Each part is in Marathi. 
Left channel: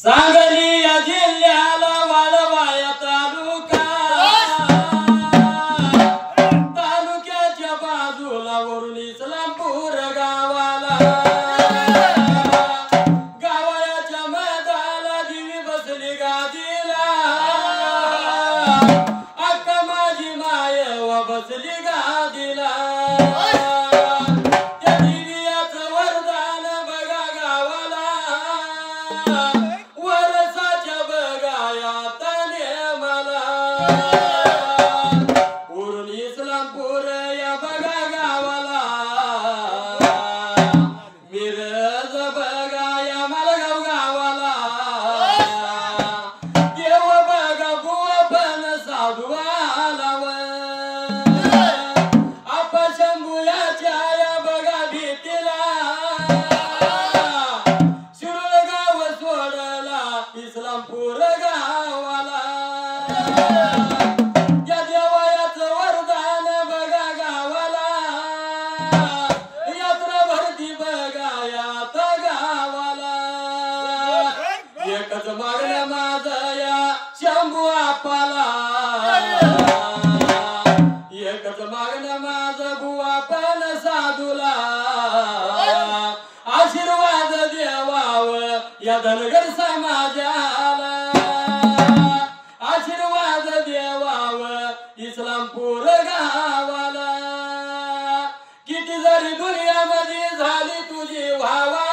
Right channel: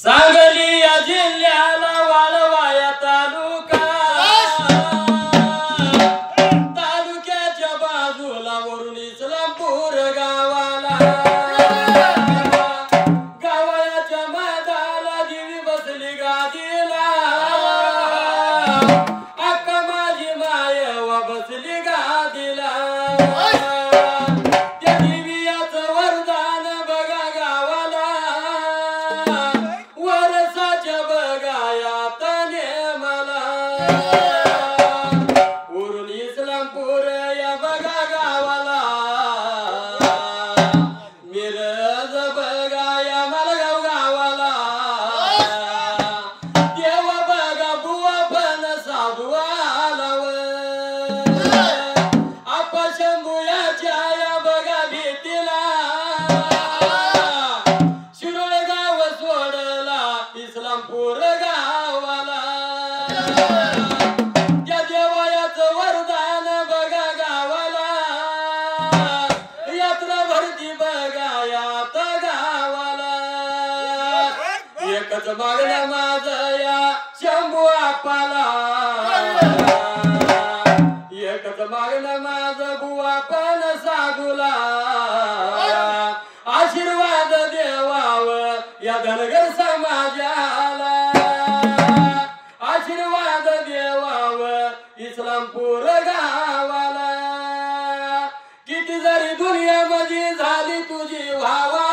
सांगली या जिल्ह्याला वाळवाया तालुका, तालुक्याच्या बाजूला वरून इस्लामपूर गावाला, गावाच्या मैदानाला देवी बसली गादीला, अक्का माझी मायवा बसली गादीला. इस्लामपूर गावाला या देवायाचं वरदान बघा गावाला, यात्रा भरती बघा यात गावाला. एकच मागणं माझं या शंभू आप्पाला, एकच मागणं माझं बुवा पण साधूला, आशीर्वाद देवावं या धनगर समाजाला, आशीर्वाद देवावं इस्लामपूर गावाला. किती जरी दुनियामध्ये झाली तुझी व्हावा,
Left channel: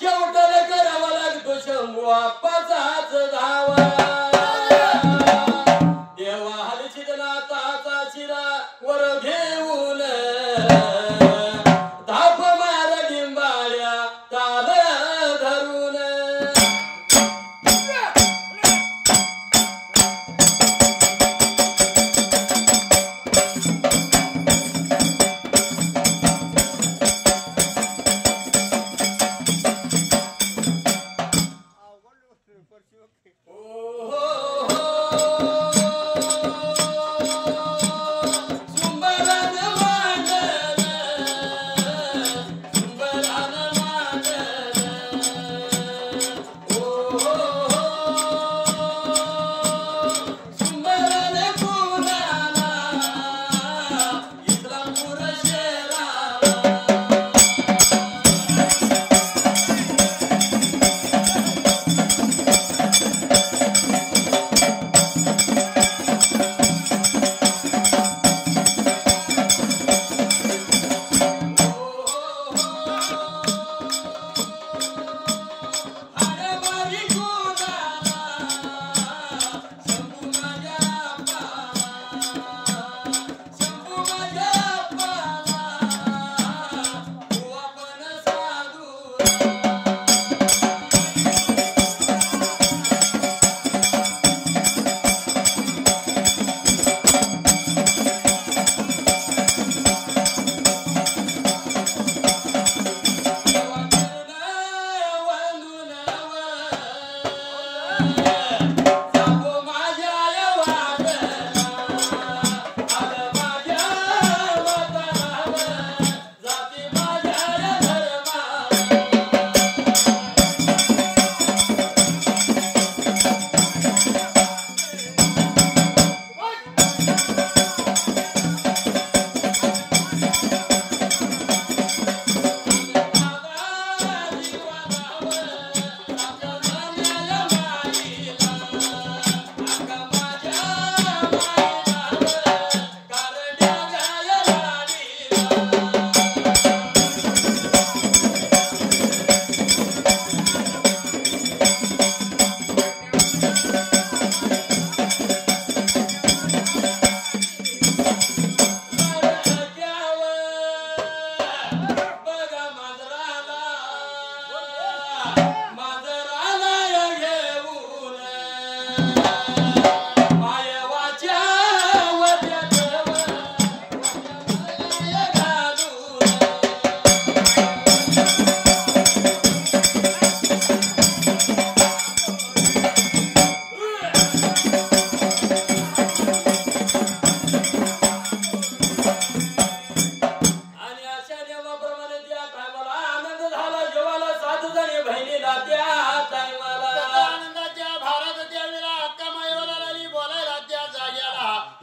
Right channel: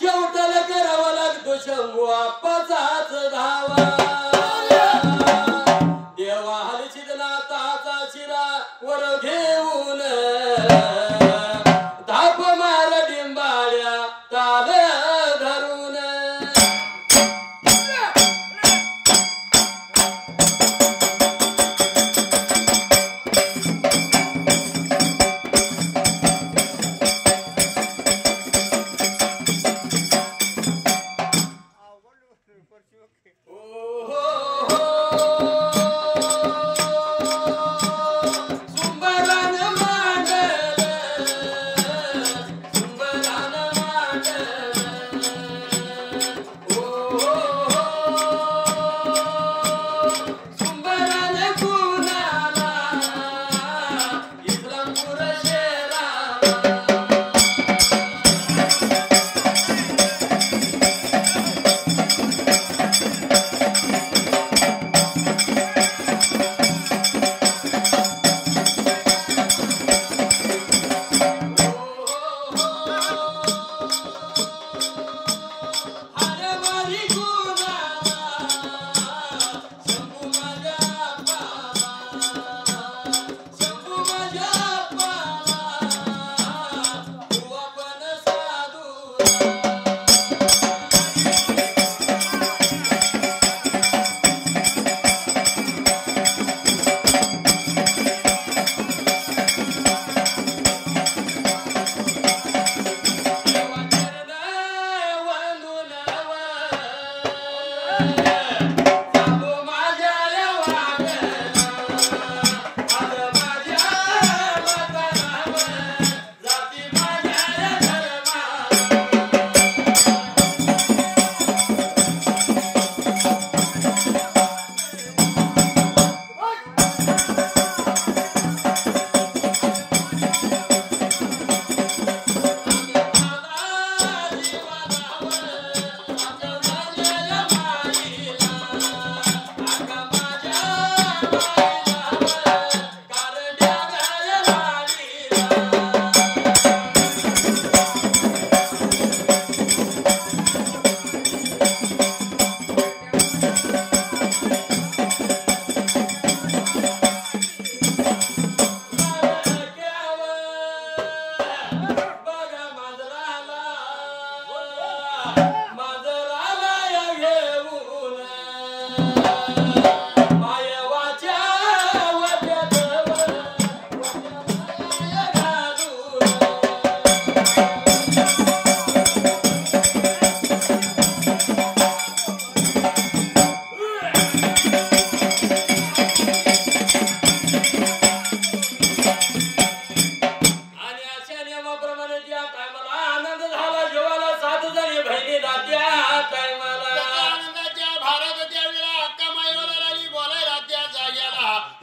शेवटला करावा लागतो शंभू आप्पाचाच धावा. देवा हलशिदला ताचा शिरा वर घेऊन धाप मार डिंबाळ्या ताल धरून.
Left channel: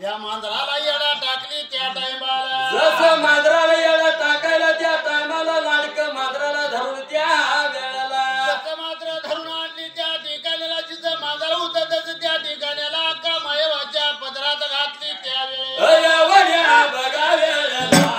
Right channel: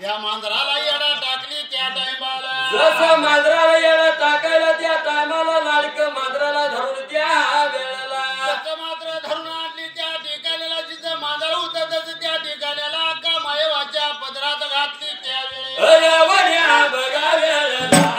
या मांजराला येडा टाकली त्या टायमाला जसं मांजराला येडा टाकायला त्या टायमाला लाडक मांजराला धरून त्या वेळेला जसं मात्र धरून आणली त्या ठिकाणीला जिथं मांजर होतं तसं त्या ठिकाण्याला अक्का मायवाच्या पदरात घातली त्यावेळेला वड्या बघा वेळेला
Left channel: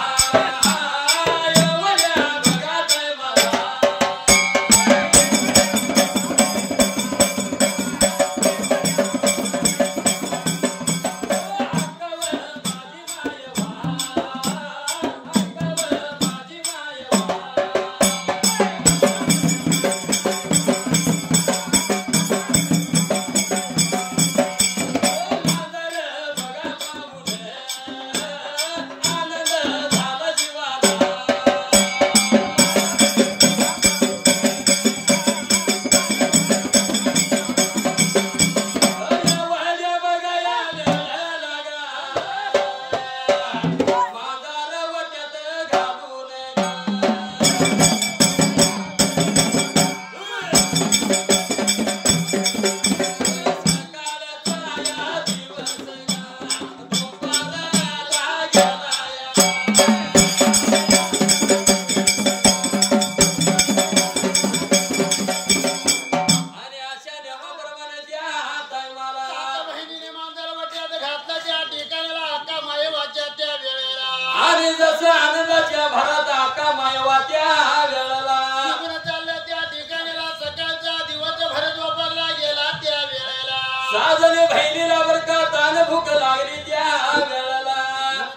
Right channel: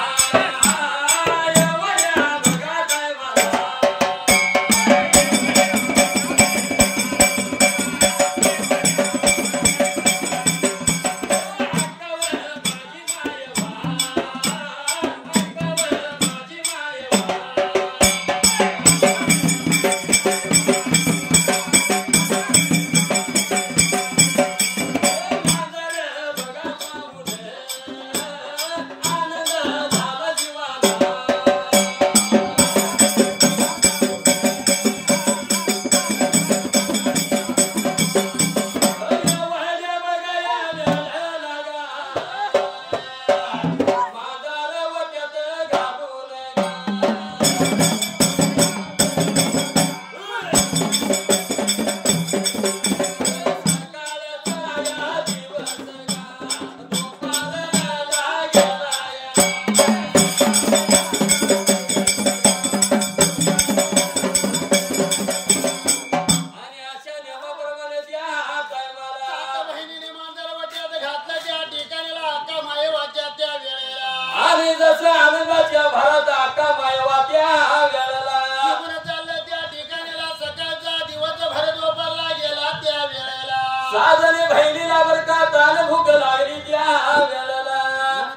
आणि जसं आनंदाच्या भरात अक्का मायवा त्या वेळेला निघून चाललं त्या ठिकाणीला सकाळचा दिवस भरत वापरला गेला त्या वेळेला साजने बहिणीला बर का तान भूक लागली त्या वेळेला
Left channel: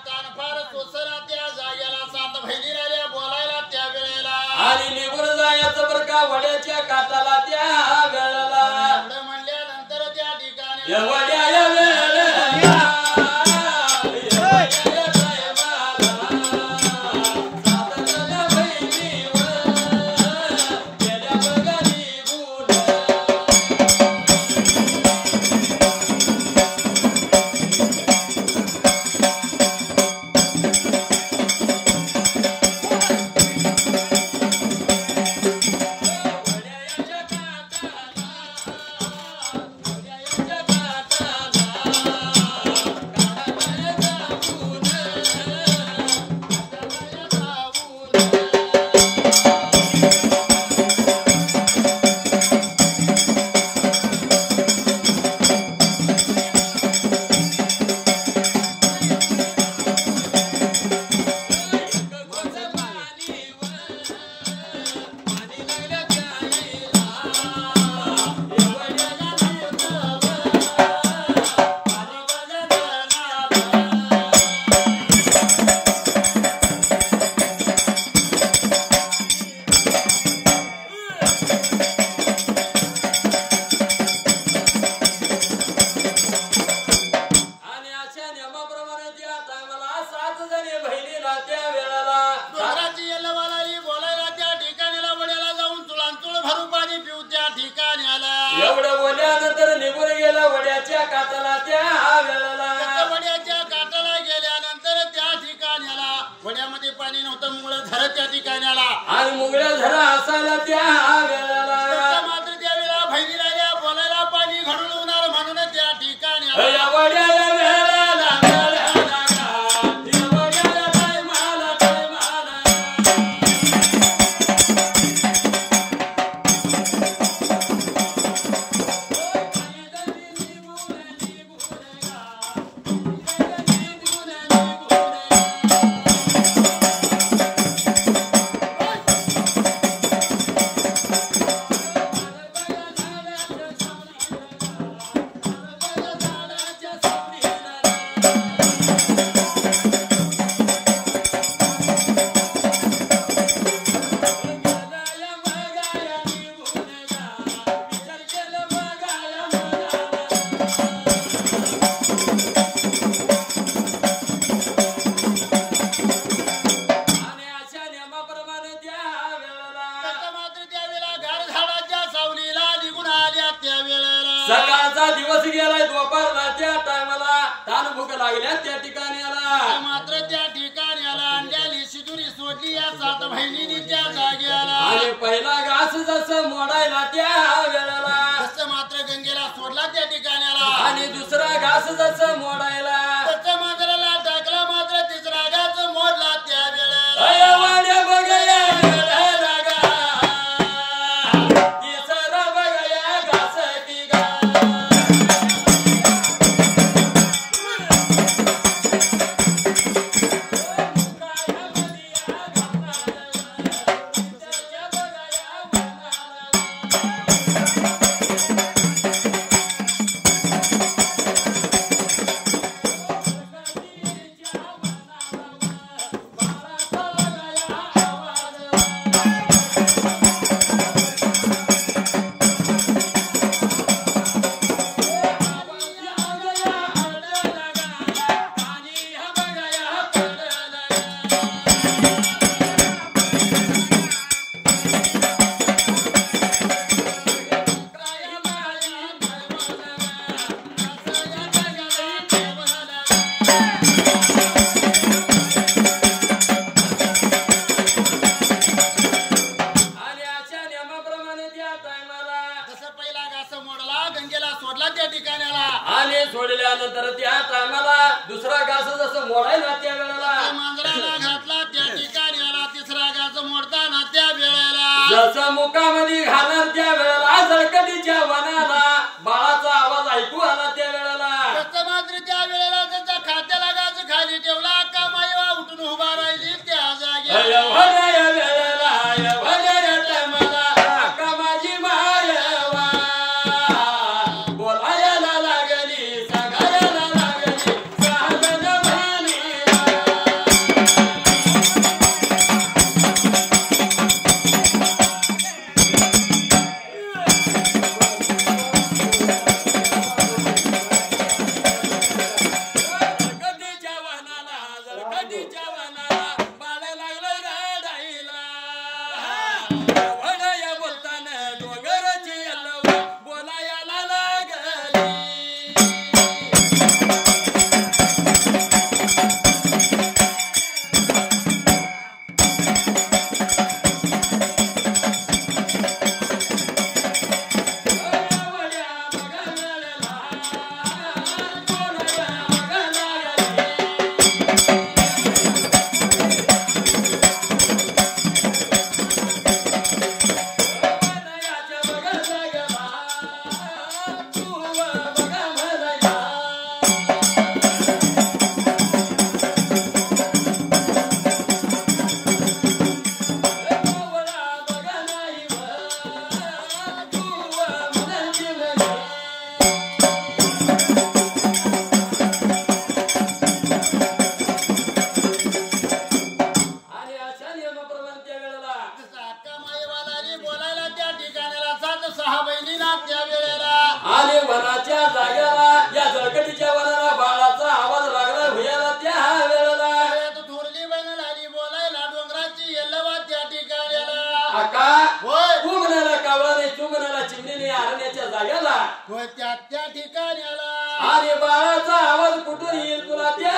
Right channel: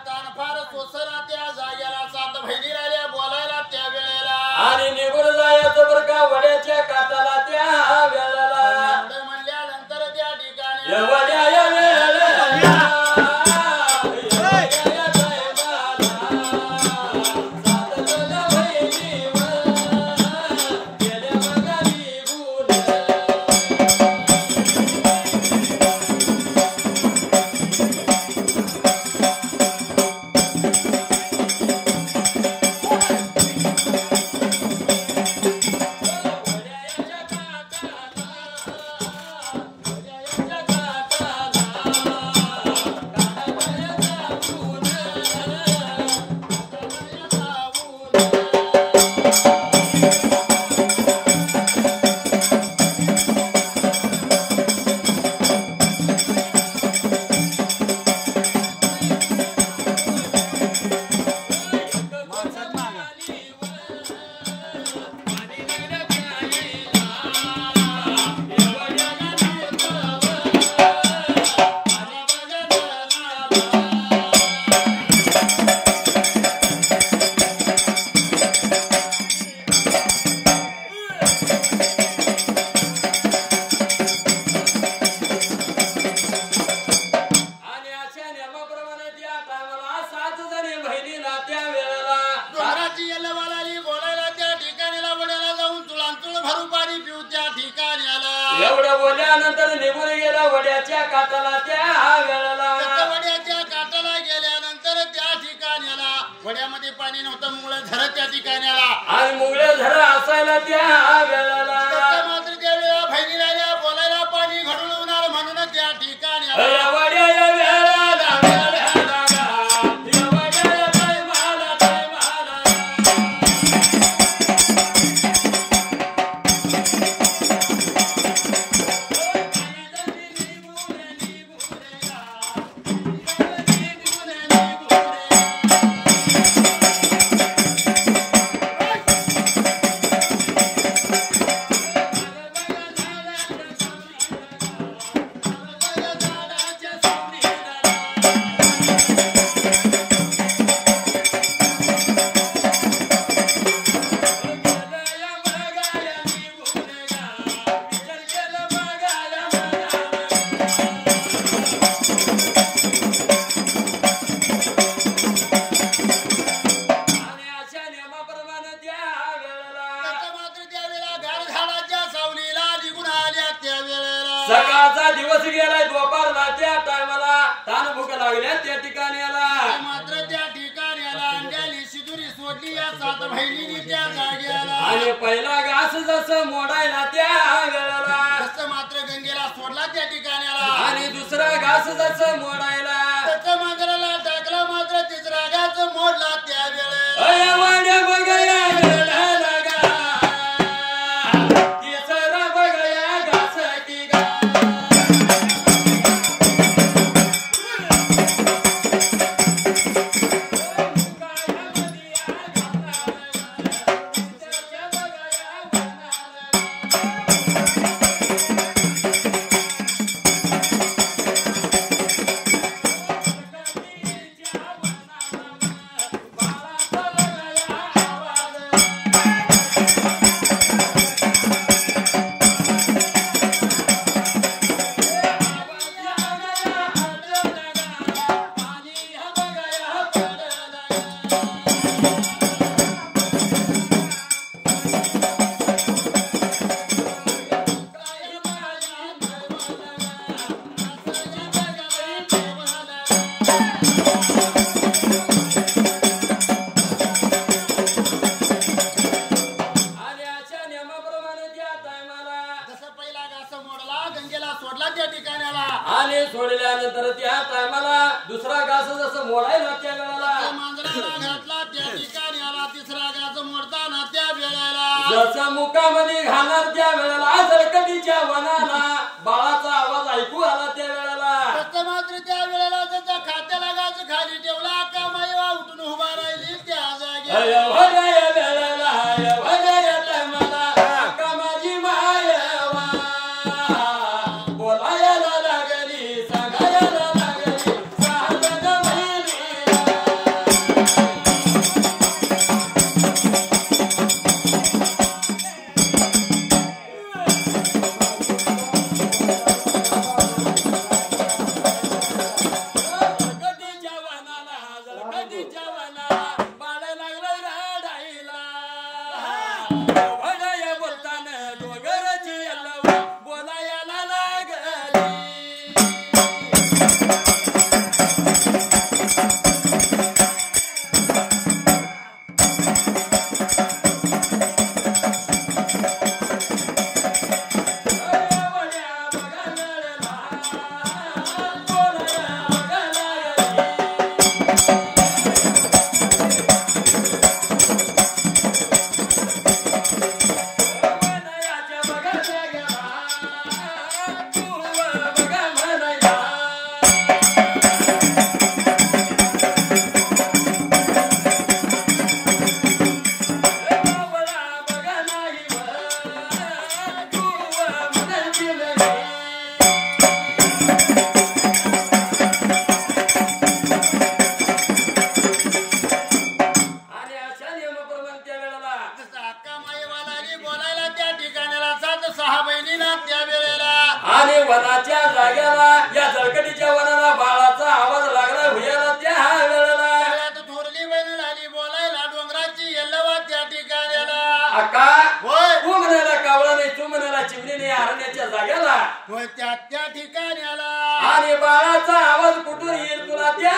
तान फार सोसरा त्या जाग्याला सात बहिणी राहिल्या बोलायला त्या वेळेला आणि निघून जायचं बर का वड्याच्या काटाला त्या वेळेला एवढं म्हणल्यानंतर त्या ठिकाणी वड्या या वेळेला एवढं बोलल्यानंतर निघून गेला वड्याच्या काटाला त्या वेळेला वड्याच्या काटाला गेल्यानंतर त्या ठिकाण्याला वड्यामध्ये पाणी नव्हतं मुंगळं झर त्या ठिकाण्याला आणि मुंगळ्या झर असायला त्या वेळेला मात्र त्यावेळेला बहिणी राहिल्या बोलायला पाणी घडून होणार म्हणून त्या ठिकाणी वड्या या वेळेला सकाळचा दिवस गेलाय दुपार रात्या टायमाला तान भूक लागल्या त्या ठिकाणी आला मात्र त्या ठिकाणी आला अंड्याली शिदुरी सोडली या सात बहिणींनी त्या जागेला आणि पहिला घास जसं मोडायला त्या वेळेला जसं मात्र गंगेला सोडला सोडला त्या ठिकाण्याला आणि दुसरा घास जसं मोडायला तसं मांजराला टाकला मात्र तिसरा घास मोडला त्या वेळेला अय वाड्या बघया गेला गा तिसरा बघया घास की गा आणि सोडल्यानंतर त्या टायमाला दुसरा घास जसं मोडायला त्या वेळेला मांजराला घातला त्या ठिकाण्याला तिसरा घास मोडताना त्या वेळेला जसं मुखामध्ये घालणार त्या वेळेला जळकटीच्या वनाला बाळाचा आवाज ऐकू आला त्या वेळेला तसं मात्र त्या वेळेला जसा खात्याला घास खाली ठेवला का मायवा उठून उभा राहिली त्या जागी भल्या वेळेला भल्या टायमाला अक्का माझी मायवा बोलायला लागली सांगायला लागली सांगन मानीला जळकटीच्या वनाला बाळ लागलं रडायला वडया बोलताना डोंगराची यल्लव बोलायला लागली आणि वनाच्या जाग्याला या जळकटीच्या वनाला बाळाचा आवाज लागला भुयाला त्या वेळेला थोरली बहीण लागली बोलायला डोंगराची येल्लवा त्या ठिकाण्याला अक्का होय तू म्हणाला कावळा नाही तू म्हणाला चिमणी नाही अरण्याच्या जाग्याला होय त्या ठिकाण्याला आणि बाळाचा आवाज कुठून येईल तुला त्या